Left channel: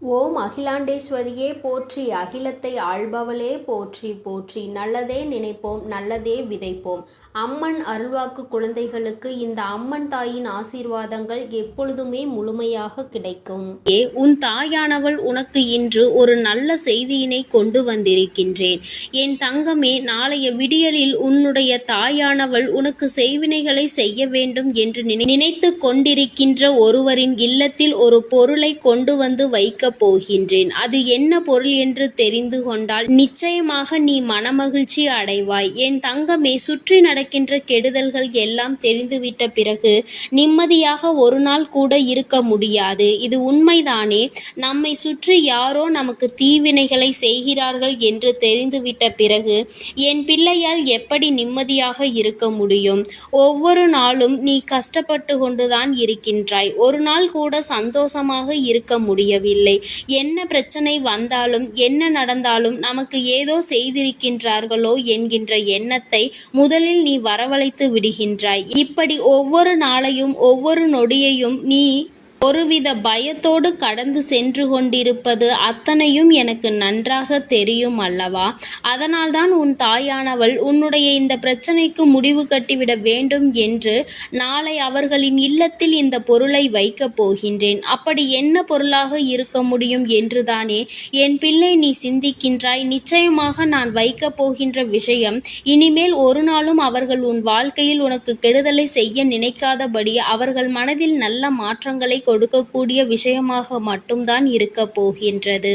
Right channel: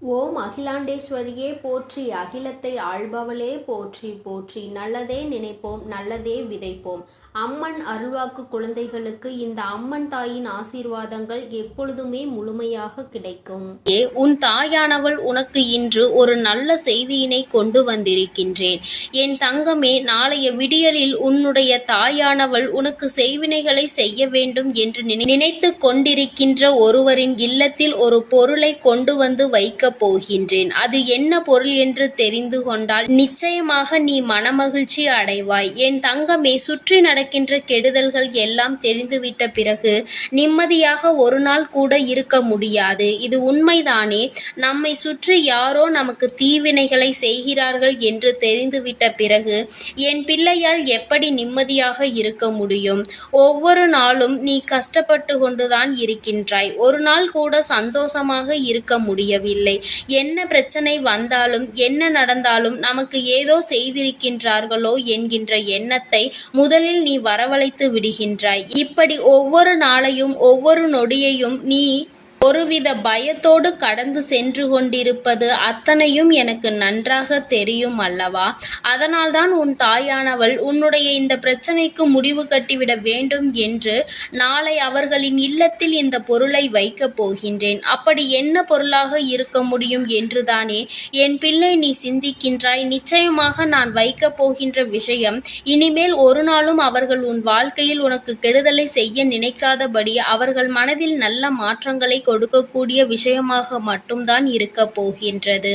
ஓம் அகிலாண்டேஸ்வரியே போற்றி, அகிலத்தை ஆள்பவளே போற்றி போற்றி. நல்லதே நினைப்போம், நல்லதே விதைப்போம். அம்மன் அருள்வாக்கு குழந்தைகளுக்கு இந்த அம்மன் தாயின் ஆசீர்வாதங்கள் எப்பொழுதுமே முழுமையாக கிடைக்கும். உன் தாயானவள் உனக்கு இன்று ஒரு நல்ல செய்தியினை கொண்டு வந்திருக்கின்றேன். என் தங்கமே, நாளைய விடியலில் உன்னுடைய தாயானவள் உனக்கு செய்வினைகளை செய்ய வேண்டும் என்று நினைத்து கொண்டிருக்கின்ற ஒருவரின் இல்லத்தில் ஒரு பொருளை கொண்டு வந்து வைக்க போகின்றேன். அது என்ன பொருள் என்று தெரிந்து கொண்டால் நிச்சயமாக நீ மனமகிழ்ச்சி அடைவாய். என் தங்கமே, சுற்றி நடக்கின்ற கெடுதல்கள் எல்லாம் தெரிந்துவிட்ட பிறகு நிம்மதியாக ஒரு நாள் கூட இருக்க முடியாது. இது உண்மைதானே? நம்மை சுற்றி யாரோ நமக்கு தீவினைகளை செய்கிறார்கள் என்று தெரிந்துவிட்ட பிறகு என் பிள்ளையால் எப்படி நிம்மதியாக இருக்க முடியும்? ஒவ்வொரு நாளும் நீ கஷ்டப்பட்டு கொண்டுதான் இருக்கின்றாய். ஒரு நாள் கூட சந்தோஷமாக இருக்க முடியவில்லை. என்ன பிரச்சனை வந்தாலும் என்ன நடந்தாலும் நமக்கு ஏதோ செய்திருக்கின்றார்களோ என்கின்ற எண்ணத்தை முதலில் நீ வரவழைத்து விடுகின்றாய். இப்படி ஒவ்வொரு நாளையும் ஒவ்வொரு நொடியையும் நீ ஒருவித பயத்தோடு கடந்து சென்று கொண்டிருப்பது அத்தனையும் எனக்கு நன்றாக தெரியும் அல்லவா? அதனால்தான் உன் தாயானவள் உன்னுடைய இந்த பிரச்சனைக்கு முடிவு கட்டிவிட வேண்டும் என்று நாளை அவர்களின் இல்லத்தில் இந்த பொருளை வைக்கப் போகின்றேன். அப்படி என்ன பொருளாக இருக்க முடியும் என்றுதானே என் பிள்ளை நீ சிந்திக்கின்றாய். நிச்சயமாக நான் வைக்கப் போகின்ற விஷயம் இனிமேல் ஒரு நாளும் அவர்கள் உன் வாழ்க்கையில் உனக்கு கெடுதலை செய்ய நினைக்காதபடி அவர்கள் மனதில் நல்ல மாற்றங்களை கொடுக்கக்கூடிய விஷயமாக மட்டும்தான் இருக்க போகின்றது.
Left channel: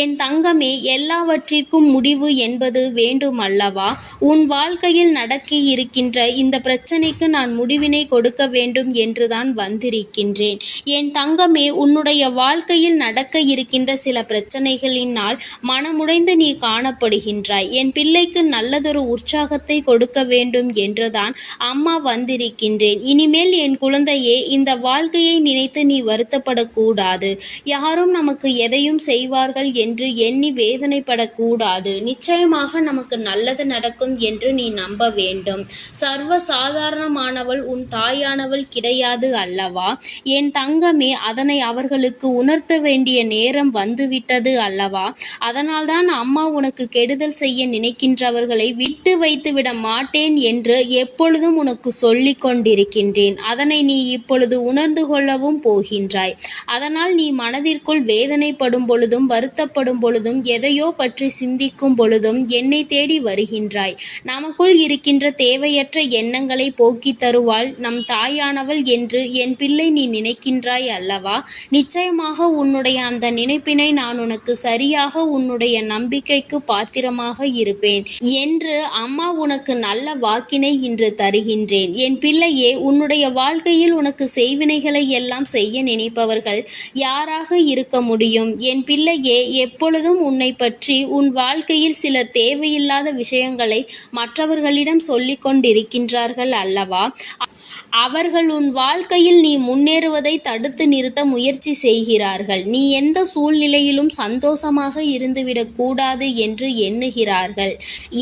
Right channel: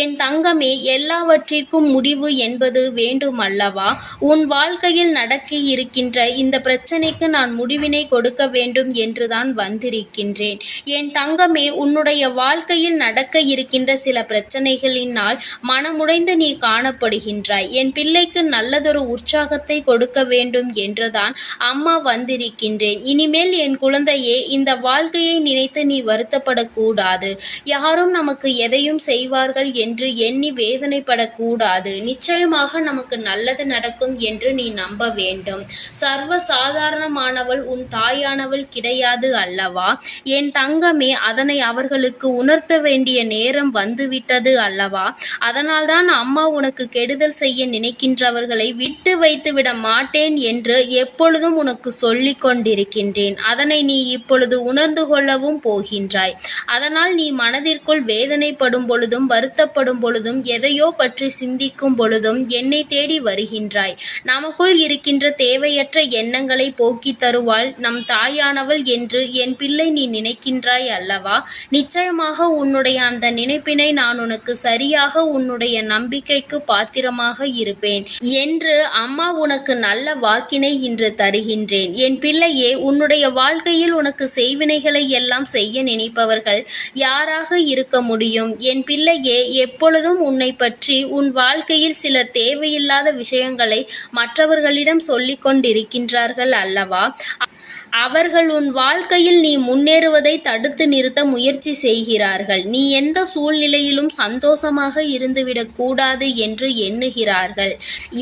என் தங்கமே, எல்லாவற்றிற்கும் முடிவு என்பது வேண்டும் அல்லவா? உன் வாழ்க்கையில் நடக்க இருக்கின்ற இந்த பிரச்சனைக்கு நான் முடிவினை கொடுக்க வேண்டும் என்றுதான் வந்திருக்கின்றேன். என் தங்கமே, உன்னுடைய வாழ்க்கையில் நடக்க இருக்கின்ற சில பிரச்சனைகளினால் மனமுடைந்து நீ காணப்படுகின்றாய். என் பிள்ளைக்கு நல்லதொரு உற்சாகத்தை கொடுக்க வேண்டும் என்றுதான் அம்மா வந்திருக்கின்றேன். இனிமேல் என் குழந்தையே, இந்த வாழ்க்கையை நினைத்து நீ வருத்தப்படக்கூடாது. யாரும் நமக்கு எதையும் செய்வார்கள் என்று எண்ணி வேதனைப்படக்கூடாது. நிச்சயமாக நமக்கு நல்லது நடக்கும் என்று நீ நம்ப வேண்டும். சர்வ சாதாரணமானவள் உன் தாயானவள் கிடையாது அல்லவா? என் தங்கமே, அதனை அவர்களுக்கு உணர்த்த வேண்டிய நேரம் வந்துவிட்டது அல்லவா? அதனால்தான் அம்மா உனக்கு கெடுதல் செய்ய நினைக்கின்றவர்களை விட்டு வைத்துவிட மாட்டேன் என்று எப்பொழுதும் உனக்கு சொல்லிக் கொண்டிருக்கின்றேன். அதனை நீ இப்பொழுது உணர்ந்து கொள்ளவும் போகின்றாய். அதனால் நீ மனதிற்குள் வேதனைப்படும் பொழுதும் வருத்தப்படும் பொழுதும் எதையோ பற்றி சிந்திக்கும் பொழுதும் என்னை தேடி வருகின்றாய். நமக்குள் இருக்கின்ற தேவையற்ற எண்ணங்களை போக்கி தருவாள் நம் தாயானவள் என்று என் பிள்ளை நீ நினைக்கின்றாய் அல்லவா? நிச்சயமாக உன்னுடைய அந்த நினைப்பினை நான் உனக்கு சரியாக உன்னுடைய நம்பிக்கைக்கு பாத்திரமாக இருப்பேன் என்று அம்மா உனக்கு நல்ல வாக்கினை இன்று தருகின்றேன். என் பிள்ளையே, உன்னுடைய வாழ்க்கையில் உனக்கு செய்வினைகளை எல்லாம் செய்ய நினைப்பவர்கள் யாராக இருக்க முடியும்? என் பிள்ளையே, எப்பொழுதும் உன்னை பற்றி உன் வாழ்க்கையில் சில தேவையில்லாத விஷயங்களை மற்றவர்களிடம் சொல்லிக் கொண்டிருக்கின்றார்கள் அல்லவா? அவர்கள் உன் வாழ்க்கையில் நீ முன்னேறுவதை தடுத்து நிறுத்த முயற்சி செய்கிறார்கள். நீ எந்த சூழ்நிலையிலும் சந்தோஷமாக இருந்துவிடக் கூடாது என்று எண்ணுகிறார்கள்.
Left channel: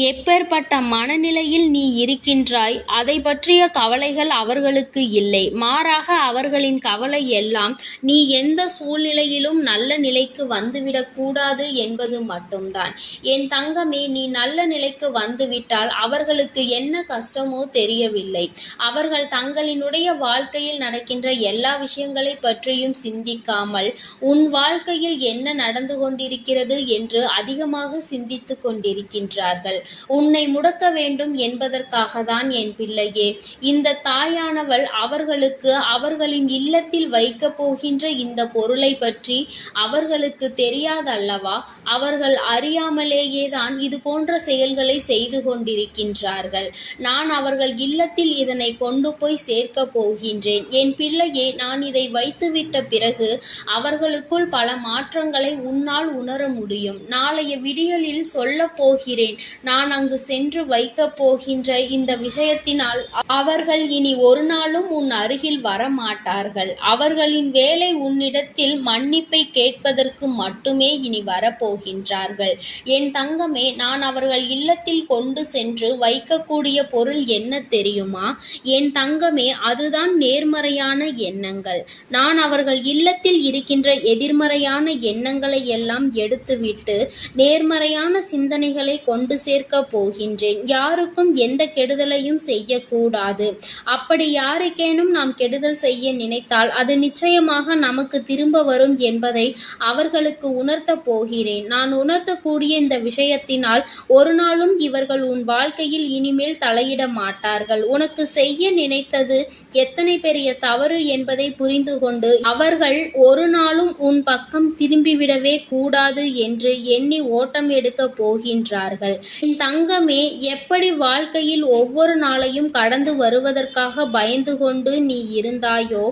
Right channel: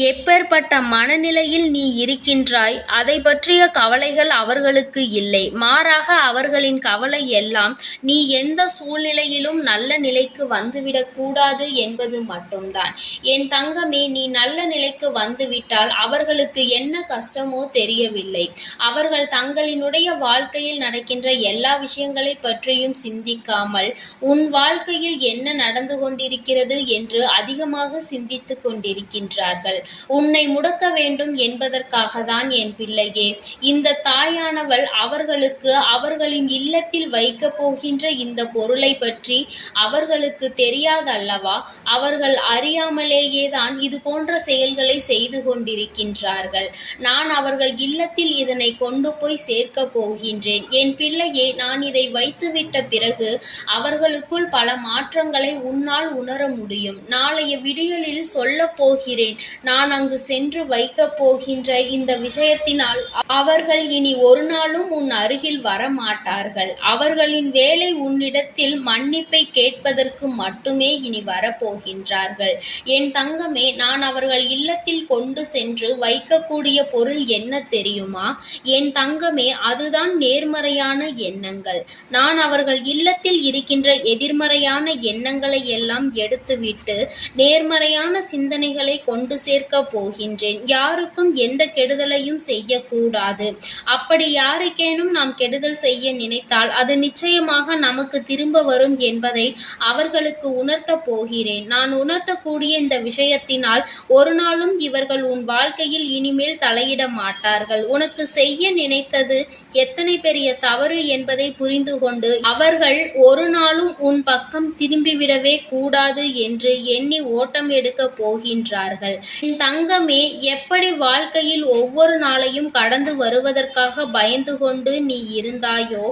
எப்பேற்பட்ட மனநிலையில் நீ இருக்கின்றாய், அதை பற்றிய கவலைகள் அவர்களுக்கு இல்லை. மாறாக அவர்களின் கவலை எல்லாம் நீ எந்த சூழ்நிலையிலும் நல்ல நிலைக்கு வந்துவிடக் கூடாது என்பது மட்டும்தான். என் தங்கமே, நீ நல்ல நிலைக்கு வந்துவிட்டால் அவர்களுக்கு என்ன கஷ்டமோ தெரியவில்லை. அவர்கள் தங்களினுடைய வாழ்க்கையில் நடக்கின்ற எல்லா விஷயங்களை பற்றியும் சிந்திக்காமல் உன் வாழ்க்கையில் என்ன நடந்து கொண்டிருக்கிறது என்று அதிகமாக சிந்தித்து கொண்டிருக்கின்றார்கள். உன்னை முடக்க வேண்டும் என்பதற்காக தான் என் பிள்ளையே இந்த தாயானவள் அவர்களுக்கு அவர்களின் இல்லத்தில் வைக்கப் போகின்ற இந்த பொருளை பற்றி அவர்களுக்கு தெரியாதல்லவா? அவர்கள் அறியாமலேயே தான் இது போன்ற செயல்களை செய்து கொண்டிருக்கின்றார்கள். நான் அவர்கள் இல்லத்தில் இதனை கொண்டு போய் சேர்க்க போகின்றேன். என் பிள்ளையே, நான் இதை வைத்துவிட்ட பிறகு அவர்களுக்குள் பல மாற்றங்களை உன்னால் உணர முடியும். நாளைய விடியலில் சொல்ல போகிறேன். நான் அங்கு சென்று வைக்கப் போகின்ற இந்த விஷயத்தினால் அவர்கள் இனி ஒரு நாளும் உன் அருகில் வரமாட்டார்கள். அவர்களின் வேலை உன்னிடத்தில் மன்னிப்பை கேட்பதற்கு மட்டுமே இனி வரப்போகின்றார்கள். என் தங்கமே, நான் அவர்கள் இல்லத்தில் கொண்டு சென்று வைக்கக்கூடிய பொருள் என்ன தெரியுமா? என் தங்கமே, தங்கமே, அதுதான் நேர்மறையான எண்ணங்கள். நான் அவர்கள் இல்லத்தில் இருக்கின்ற எதிர்மறையான எண்ணங்களை எல்லாம் எடுத்துவிட்டு நேர்மறையான சிந்தனைகளை கொண்டு சேர்க்க போகின்றேன். யாருக்கும் எந்த கெடுதலையும் செய்யக்கூடாது. அப்படி யாருக்கேனும் நாம் கெடுதல் செய்ய நினைத்தால் அது நிச்சயமாக நமக்கு திரும்ப வரும் என்பதை அவர்களுக்கு உணர்த்தப் போகிறேன். நான் உணர்த்தக்கூடிய இந்த விஷயத்தினால் ஒரு நாளும் இவர்கள் உன் வாழ்க்கையில் இனிமேல் தலையிட மாட்டார்கள். உனக்கு செய்ய நினைத்தது எத்தனை பெரிய தவறு என்பதை புரிந்து கொண்டு அவர்கள் ஒரு நாளும் உன் பக்கம் திரும்பிவிடவே கூடாது என்று எண்ணி ஓட்டம் எடுக்க போகின்றார்கள். என் தங்கமே, எப்படி வாழ்க்கையில் ஒவ்வொரு நாளையும் கடந்து வருவதற்காக பயந்து கொண்டு நீ இருந்தாயோ,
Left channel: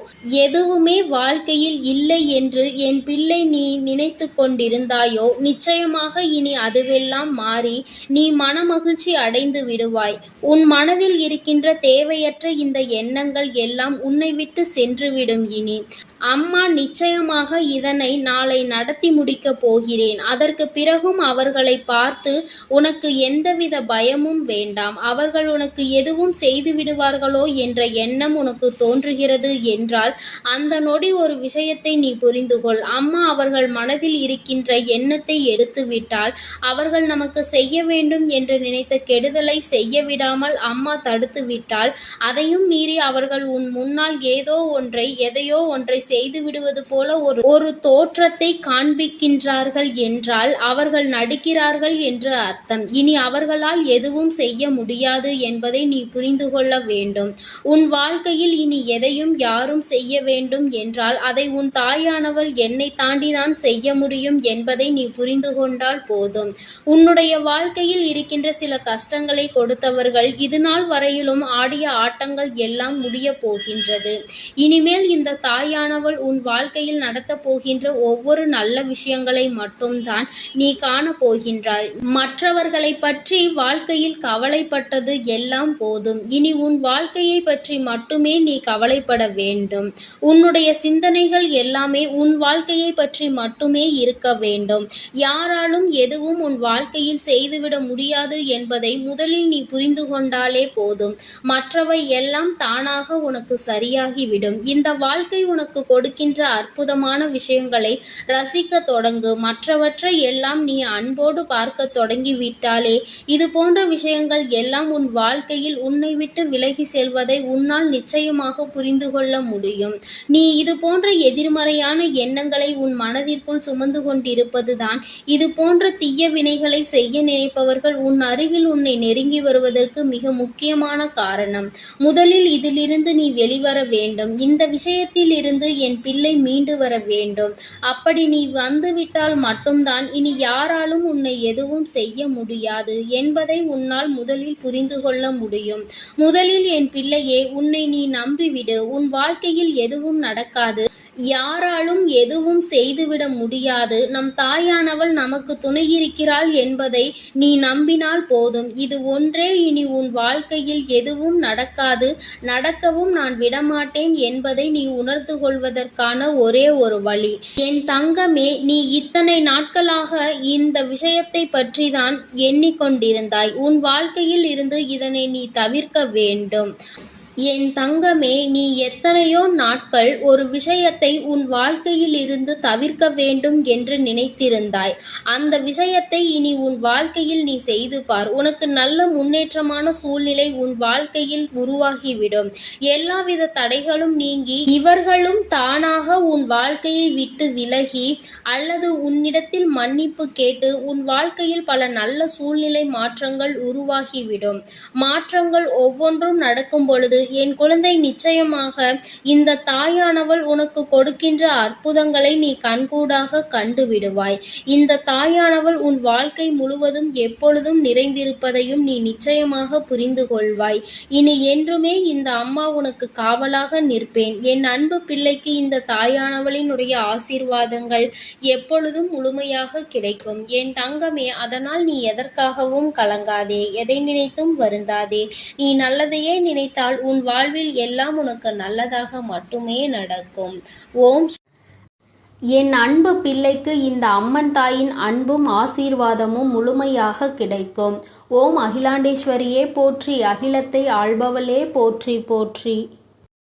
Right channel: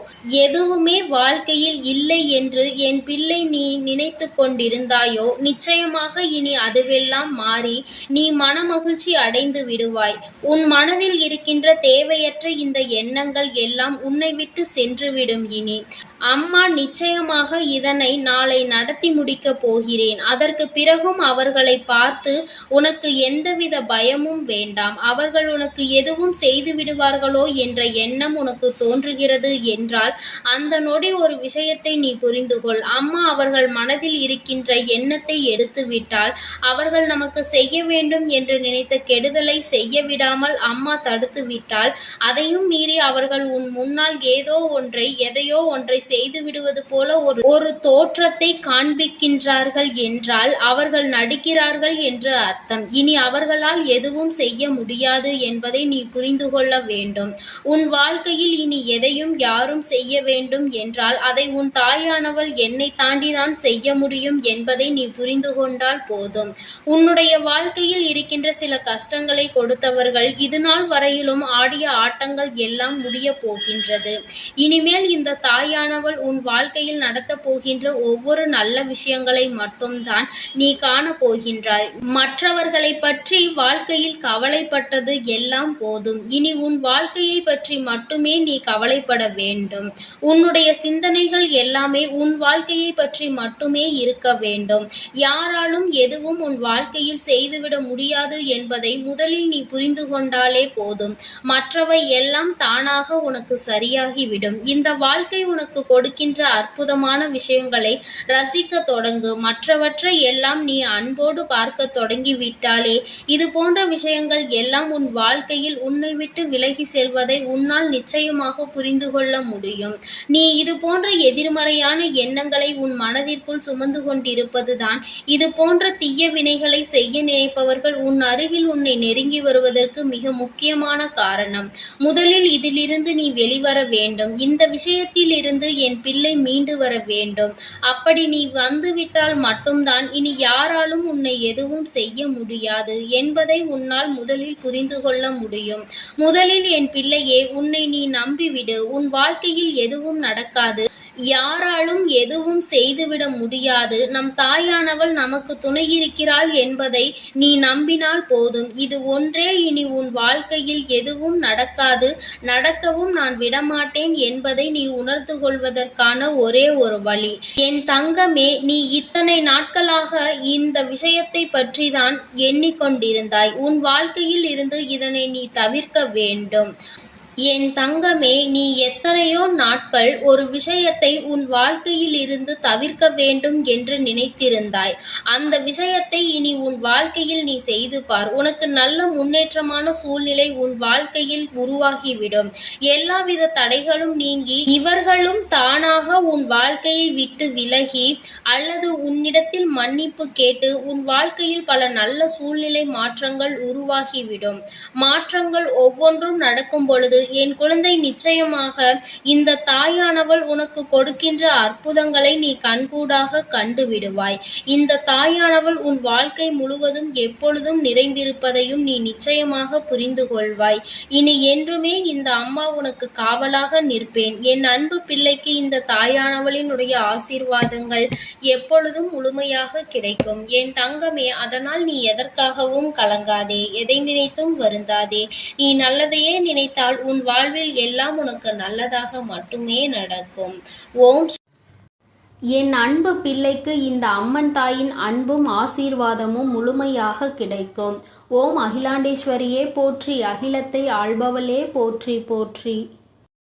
எதுவுமே வாழ்க்கையில் இல்லை என்று என் பிள்ளை நீ நினைத்து கொண்டிருந்தாயோ, நிச்சயமாக இனி அதுவெல்லாம் மாறி நீ மனமகிழ்ச்சி அடைந்து விடுவாய். உன் மனதில் இருக்கின்ற தேவையற்ற இந்த எண்ணங்கள் எல்லாம் உன்னை விட்டு சென்றுவிடும். இனி அம்மா நிச்சயமாக இதனை நாளை நடத்தி முடிக்கப் போகிறேன். அதற்கு பிறகும் அவர்களை பார்த்து உனக்கு எந்தவித பயமும் வேண்டாம். அவர்கள் உனக்கு எதுவும் செய்து விடுவார்களோ என்ற எண்ணம் உனக்கு தோன்றுகிறது என்றால் அந்த நொடி ஒரு விஷயத்தை நீ புரிந்து கொள். அம்மா அவர்கள் மனதில் இருக்கின்ற எண்ணத்தை எடுத்து விட்டால் அவர்கள் நமக்கு செய்ய வேண்டும் என்று நினைத்த கெடுதலை செய்ய விடாமல் அம்மா தடுத்து விட்டால் அதையும் மீறி அவர்கள் உன் முன்னால் எதையோ ஒன்றை செய்து விடுவது போல ஒரு தோற்றத்தை காண்பிக்கின்றார்கள் என்றால் அவர்கள் நடிக்கிறார்கள் என்று அர்த்தம். இனி அவர்களால் எதுவும் செய்ய முடியாது என்பதை நீ புரிந்து கொள்ள வேண்டும். உன் வாழ்க்கையில் இனி எதையும் யாரும் செய்ய வேண்டும் என்றால் அதை உன் தாயானவள் என்னை தாண்டிதான் செய்ய முடியும் என்பதை நீ புரிந்து கொண்டால் போதும். உன்னுடைய வாழ்க்கையில் இருக்கின்ற சில கஷ்டங்களை கொடுத்தவர்கள் இதுநாள் வரையிலும் ஆடிய ஆட்டங்கள் எல்லாம் முடிய போகின்றது. இனிமேல் இந்த தாயானவள் உன் வாழ்க்கையில் நடத்தப் போகின்ற ஒவ்வொரு நல்ல விஷயங்களை மட்டும்தான் நீ காண போகின்றாய். மற்றவர்களை பற்றி வாழ்க்கையில் கவலைப்பட்டது எல்லாம் போதும். இனி உன் வாழ்க்கையை பற்றி மட்டுமே நீ கவலைப்பட வேண்டும். உன்னுடைய சிந்தனைகள் எல்லாமே உன் வாழ்க்கையை பற்றி மட்டுமே இருக்க வேண்டும். யாராலும் எதுவும் உன் வாழ்க்கையில் செய்துவிட முடியாது என்பதை முதலில் நீ புரிந்து கொண்டாலே போதும். மற்றவை எல்லாம் தானாக உனக்கு சரியாகிவிடும். இந்த வாழ்க்கை உனக்கு கொடுக்கின்ற அற்புதமான விஷயங்களை ரசிக்க தொடங்கு. மற்றவற்றை எல்லாம் நீ அன்போடு பார்க்க தொடங்கி விட்டாலே இது போன்ற விஷயங்கள் எல்லாம் உன் வாழ்க்கையில் உன்னை விட்டு விலகி செல்வதை உன்னால் நிச்சயமாக புரிந்து கொள்ள முடியும். நீ இது போன்ற எதிர்மறையான எண்ணங்களை உன் மனதிற்குள் சுமந்து கொண்டிருப்பதுதான் இது போன்ற தீய வினைகளை செய்ய நினைப்பவர்கள் உன் அருகில் உன்னை நெருங்கி வருவதற்கு மிக முக்கியமான காரணம். முதலில் இதிலிருந்து நீ வெளிவர வேண்டும். இந்த விஷயத்தில் இருந்து என் பிள்ளை மீண்டு வர வேண்டும். அப்படி நீ வந்துவிட்டால் மட்டும்தான் இனி யாராலும் உன்னை எதுவும் செய்ய முடியாது என்பதை உன்னால் முதலில் புரிந்து கொள்ள முடியும். முதலில் என் பிள்ளையே, உன்னை நீ நம்பிவிடு. உன் வாழ்க்கையில் எதுவும் நடக்காது. யாராலும் எதுவும் செய்துவிட முடியாது. நம் தாயானவள் நமக்கு துணையிருக்கிறாள் என்பதை நீ நம்பினால் போதும். இது ஒன்றே இனி உன் வாழ்க்கையில் எதுவும் நடக்காது, நடக்கவும் நான் விடமாட்டேன் என்பதை நீ உணர்ந்து கொள்வதற்கான ஒரே ஒரு வழி. என் தங்கமே, நீ இத்தனை நாட்களாக இந்த விஷயத்தை பற்றிதான் எண்ணிக்கொண்டிருந்தாய். உன் வாழ்க்கையில் இருந்து இதனை நீ தவிர்க்க வேண்டும். என் தங்கமே, நீ எத்தனையோ நாட்கள் ஒரு விஷயத்தை உன் வாழ்க்கையில் இருந்து தவிர்க்க வேண்டும் என்று நினைத்திருந்தாய். அந்த விஷயத்தை இனி உன் வாழ்க்கையில் நீ செய்து பார். உனக்கு நல்ல முன்னேற்றமான சூழ்நிலை உன் வாழ்க்கையில் உருவாகிவிடும். எல்லாவித தடைகளும் நீங்கி இவர்களும் தானாக உன் வாழ்க்கையை விட்டு விலகி அல்லது உன்னிடத்தில் மன்னிப்பு கேட்டு உன் வாழ்க்கையில் பல நல்ல சூழ்நிலை மாற்றங்கள் உருவாகிவிடும். மாற்றங்கள் ஒவ்வொன்றும் நடக்கும் பொழுது என் குழந்தை, நிச்சயமாக இந்த தாயானவள் உனக்கு கொடுக்கின்ற அற்புதங்களை நீ கண்கூடாக கண்டு விடுவாய். இந்த தாயானவள் உன் வாழ்க்கை முழுவதும் எப்பொழுதும் நிறைந்திருப்பதையும் நீ நிச்சயமாக புரிந்து கொள்வாய். இனி என்றுமே இந்த அம்மா உனக்கு காவலாக நிற்பேன். என் அன்பு பிள்ளைக்கு இந்த தாயானவளினுடைய ஆசீர்வாதங்கள் எப்பொழுதும் முழுமையாக கிடைக்கும். என் தங்கமே, அதனால் நீ எதற்காகவும் கலங்காதே, எதை நினைத்தும் வருந்தாதே. நீ நல்லதையே நினைத்தால் உன் வாழ்வில் எல்லாம் உனக்கு நல்லதாக மட்டுமே நடக்கும். ஓம். என் அன்பு பிள்ளைக்கு இந்த அம்மன் தாயின் அன்பும் ஆசீர்வாதமும் முழுமையாக கிடைக்கும். ஓம் அகிலாண்டேஸ்வரியே போற்றி, அகிலத்தை ஆள்பவளே போற்றி போற்றி.